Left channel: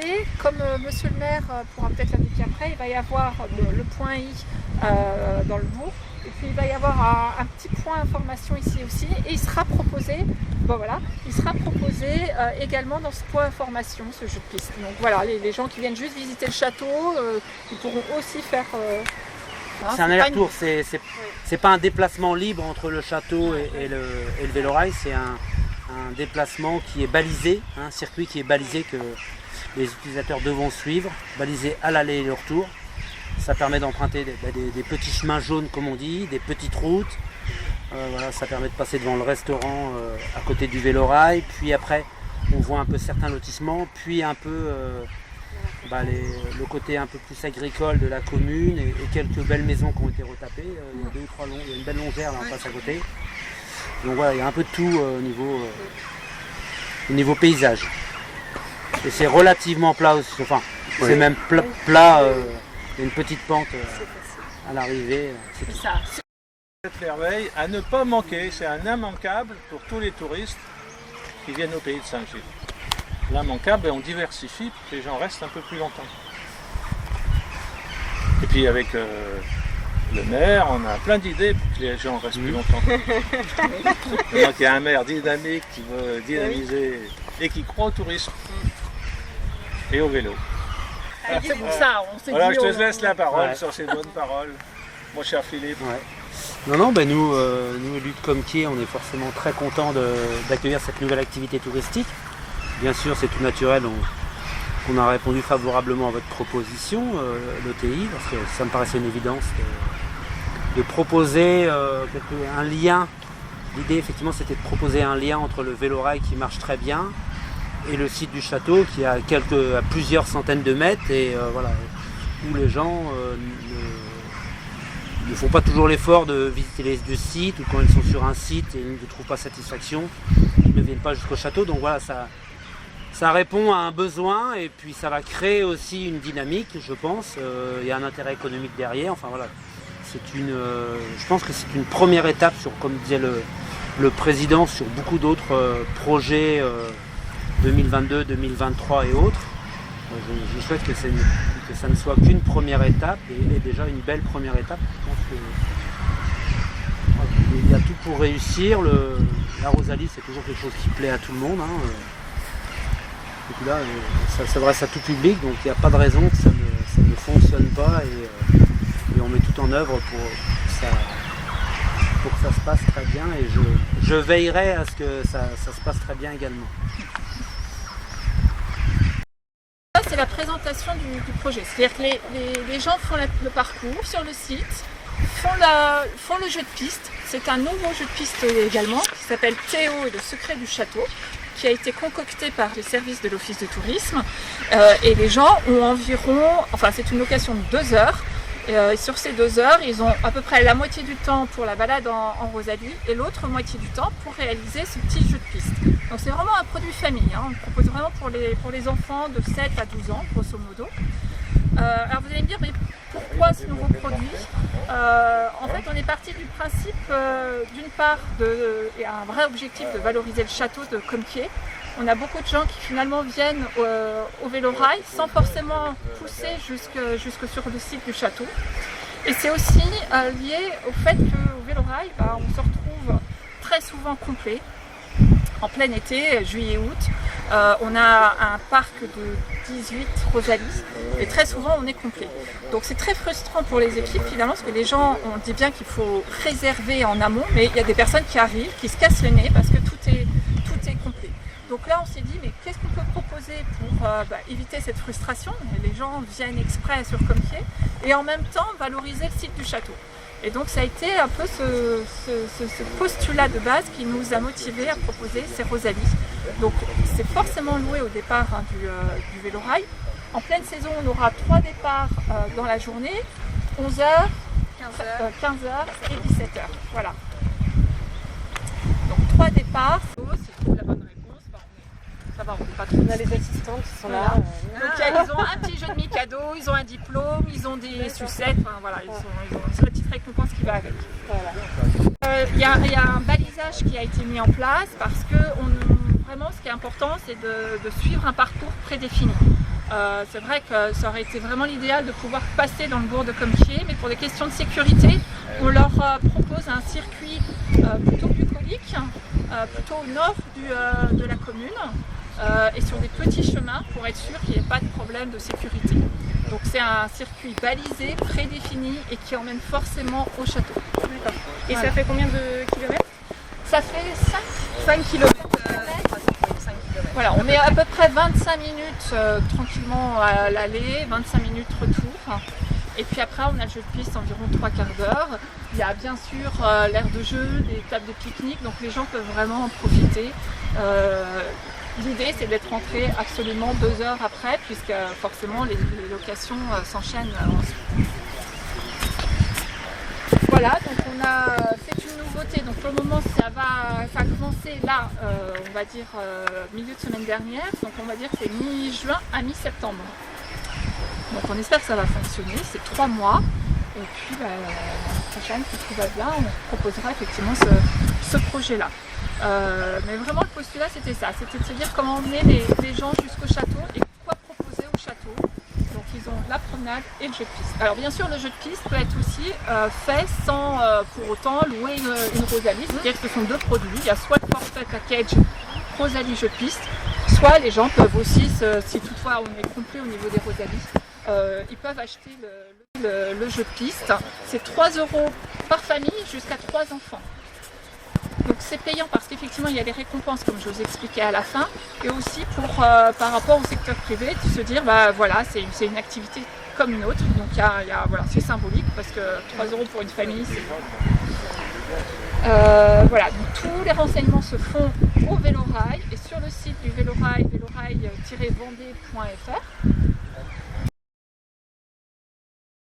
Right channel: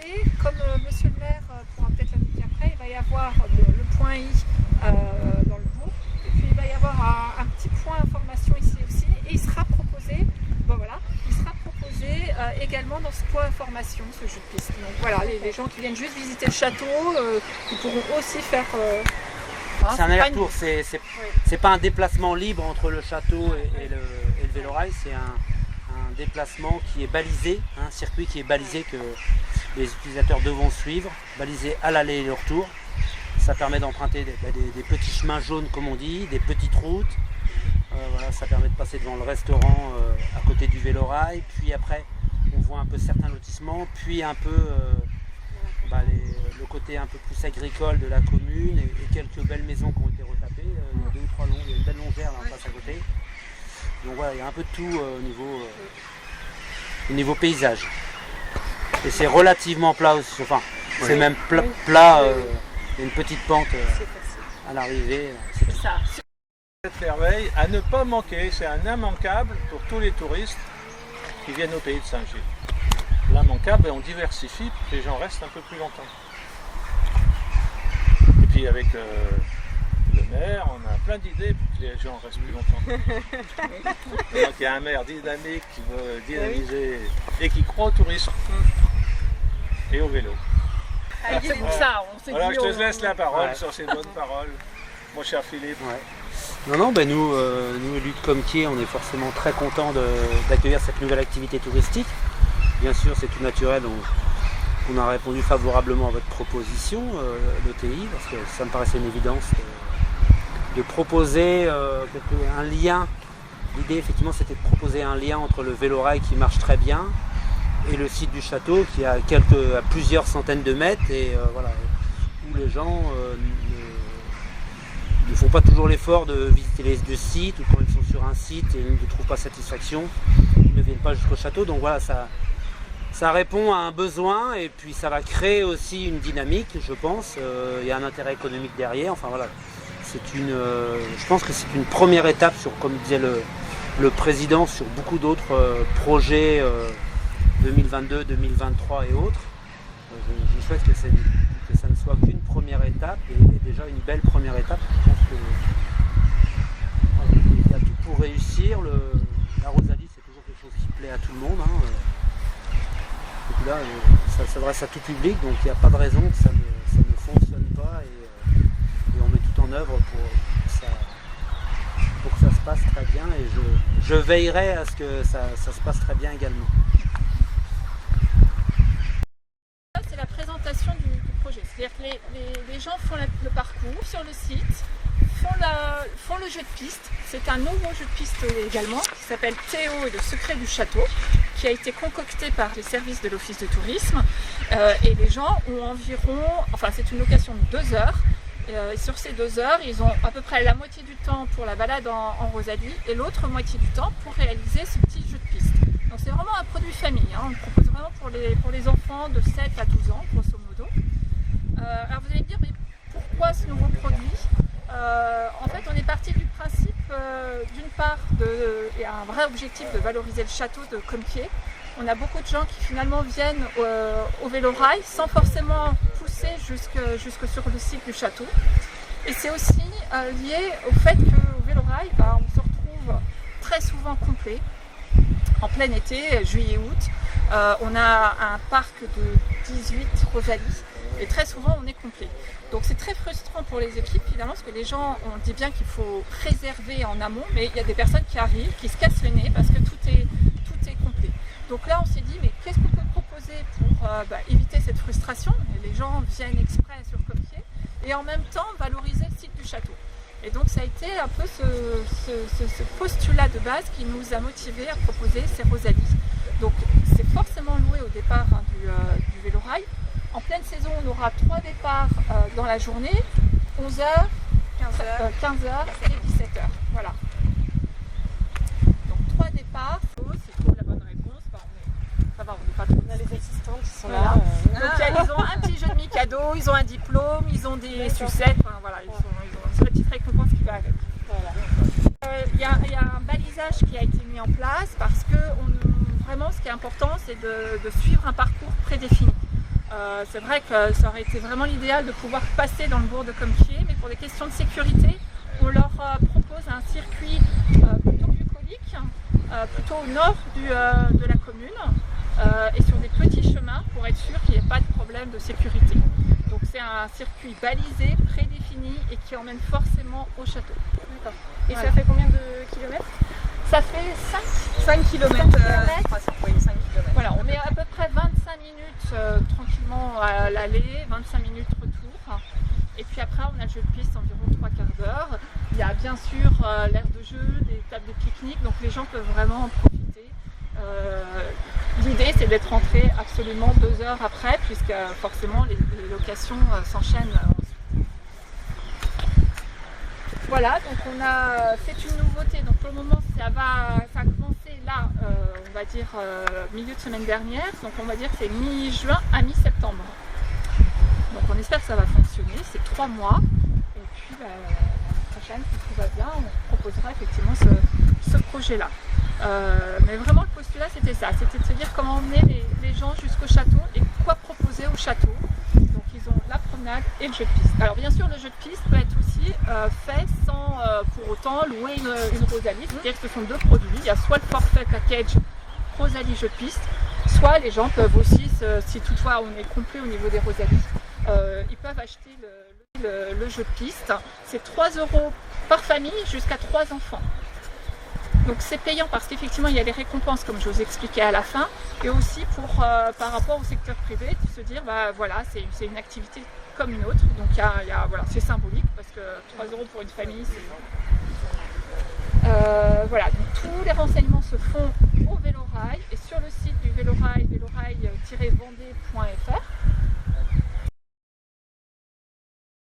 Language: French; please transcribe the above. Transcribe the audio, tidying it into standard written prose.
côté, comme monsieur le maire pourra peut-être l'indiquer après, il va y avoir le point I dans le bourg, et puis il va y avoir un petit point information ici aussi, et il sera proposé, également dans ce point information, ce jeu de piste. Donc voilà, les gens qui viennent juste visiter le château, ils pourront aussi faire... c'est un aller-retour, c'est pas un déplacement libre entre le château et le vélorail, c'est un déplacement qui est balisé, un circuit qui est balisé que les utilisateurs devront suivre, balisé à l'aller et le retour. Ça permet d'emprunter des petits chemins jaunes comme on dit, des petites routes. Voilà, ça permet de passer devant le restaurant à côté du vélorail, puis après on voit un peu certains lotissements, puis un peu le côté un peu plus agricole de la commune et quelques belles maisons qui ont été retapées. Il y a 2 ou 3 longs, il y a une belle longère là en face à côté. Donc voilà, il y a un peu de tout au niveau paysage. Et c'est relativement plat aussi, enfin c'est même plat, il y a une petite pente à l'arrivée, c'est tout. Ça. Cette merveille à ne pas manquer, c'est un immanquable pour tous les touristes qui viennent au pays de Saint-Gilles. L'immanquable, et on diversifie pour que les gens restent un peu plus longtemps. Et puis avec le maire, on a plein d'idées pour que les gens restent plus longtemps. Donc il y a un maire dynamique qui veut dynamiser et qui croit au tourisme et au vélo. Voilà, je te laisse la parole sur ces bonnes paroles, mon cher Philippe. Ouais. Non, nous, élus de Comquier, on est forcément très contents d'accueillir cette nouvelle activité touristique. Bien sûr, c'est tout naturel, on a répondu favorablement à votre proposition, l'ETI, parce que ça me paraissait une évidence de proposer un lien. L'idée, effectivement, c'était de proposer un lien entre le vélorail qui marche très bien et le site du château qui est à plusieurs centaines de mètres et où les gens ne font pas toujours l'effort de visiter les 2 sites, ou quand ils sont sur un site et ils ne trouvent pas satisfaction, ils ne viennent pas jusqu'au château. Donc voilà, ça répond à un besoin et puis ça va créer aussi une dynamique, je pense. Il y a un intérêt économique derrière. Enfin voilà, je pense que c'est une première étape sur, comme disait le président, sur beaucoup d'autres projets 2022, 2023 et autres. Je souhaite que ça ne soit qu'une première étape et déjà une belle première étape. Je pense qu'il y a tout pour réussir. La Rosalie, c'est toujours quelque chose qui plaît à tout le monde. Et puis là, ça s'adresse à tout public, donc il n'y a pas de raison que ça ne fonctionne pas et on met tout en œuvre pour que ça se passe très bien et je veillerai à ce que ça se passe très bien également. C'est la présentation du projet, c'est-à-dire que les gens font le parcours sur le site, font le jeu de piste. C'est un nouveau jeu de piste également qui s'appelle Théo et le secret du château, qui a été concocté par les services de l'office de tourisme et les gens ont environ, c'est une location de 2 heures. Et sur ces 2 heures, ils ont à peu près la moitié du temps pour la balade en Rosalie et l'autre moitié du temps pour réaliser ce petit jeu de piste. Donc c'est vraiment un produit famille, on le propose vraiment pour les enfants de 7 à 12 ans, grosso modo. Alors vous allez me dire, mais pourquoi ce nouveau produit ? En fait, on est parti du principe, d'une part, il y a un vrai objectif de valoriser le château de Comquier. On a beaucoup de gens qui finalement viennent au vélorail sans forcément pousser jusque sur le site du château. Et c'est aussi lié au fait qu'au vélorail, on se retrouve très souvent complet. En plein été, juillet-août, on a un parc de 18 Rosalie et très souvent on est complet. Donc c'est très frustrant pour les équipes finalement parce que les gens, on dit bien qu'il faut réserver en amont, mais il y a des personnes qui arrivent, qui se cassent le nez parce que tout est complet. Donc là on s'est dit mais qu'est-ce qu'on peut proposer pour éviter cette frustration ? Les gens viennent exprès sur Comquier et en même temps valoriser le site du château. Et donc ça a été un peu ce postulat de base qui nous a motivés à proposer ces Rosalies. Donc c'est forcément loué au départ du vélorail. En pleine saison, on aura 3 départs dans la journée, 11h, 15h et 17h. Voilà. Donc 3 départs. S'ils trouvent la bonne réponse, ça va, on n'est pas trop. On a les assistantes qui sont voilà. là. Donc ils ont un petit jeu de mi-cadeau, ils ont un diplôme, ils ont des sucettes, ils ont une petite récompense qui va avec. Voilà. Il y a un balisage qui a été mis en place parce que vraiment ce qui est important c'est de suivre un parcours prédéfini. C'est vrai que ça aurait été vraiment l'idéal de pouvoir passer dans le bourg de Compiègne, mais pour des questions de sécurité, on leur propose un circuit plutôt bucolique, plutôt au nord de la commune, et sur des petits chemins pour être sûr qu'il n'y ait pas de problème de sécurité. Donc c'est un circuit balisé, prédéfini et qui emmène forcément au château. D'accord. Et Voilà. ça fait combien de kilomètres? Ça fait 5 km. 5 km. Voilà, on met à peu près 25 minutes tranquillement à l'aller, 25 minutes retour. Et puis après, on a le jeu de piste environ 3/4 d'heure. Il y a bien sûr l'aire de jeu, des tables de pique-nique, donc les gens peuvent vraiment en profiter. L'idée, c'est d'être rentré absolument 2 heures après, puisque forcément les locations s'enchaînent ensuite. Voilà, donc c'est une nouveauté. Donc pour le moment, ça a commencé là, on va dire milieu de semaine dernière. Donc on va dire que c'est mi-juin à mi-septembre. Donc on espère que ça va fonctionner. C'est 3 mois. Et puis l'année prochaine, si tout va bien, on proposera effectivement ce projet-là. Mais vraiment le postulat c'était ça, c'était de se dire comment emmener les gens jusqu'au château et quoi proposer au château. Donc ils ont la promenade et le jeu de piste. Alors bien sûr le jeu de piste peut être aussi fait sans pour autant louer une Rosalie, c'est-à-dire que ce sont 2 produits. Il y a soit le forfait package Rosalie jeu de piste, soit les gens peuvent aussi, si toutefois on est complet au niveau des Rosalies, ils peuvent acheter le jeu de piste. C'est 3 € par famille jusqu'à 3 enfants. Donc c'est payant parce qu'effectivement il y a les récompenses comme je vous expliquais à la fin, et aussi par rapport au secteur privé de se dire bah voilà c'est une activité comme une autre, donc voilà, c'est symbolique parce que 3 € pour une famille c'est... Voilà, donc tous les renseignements se font au Vélorail et sur le site du Vélorail, vélorail-vendée.fr.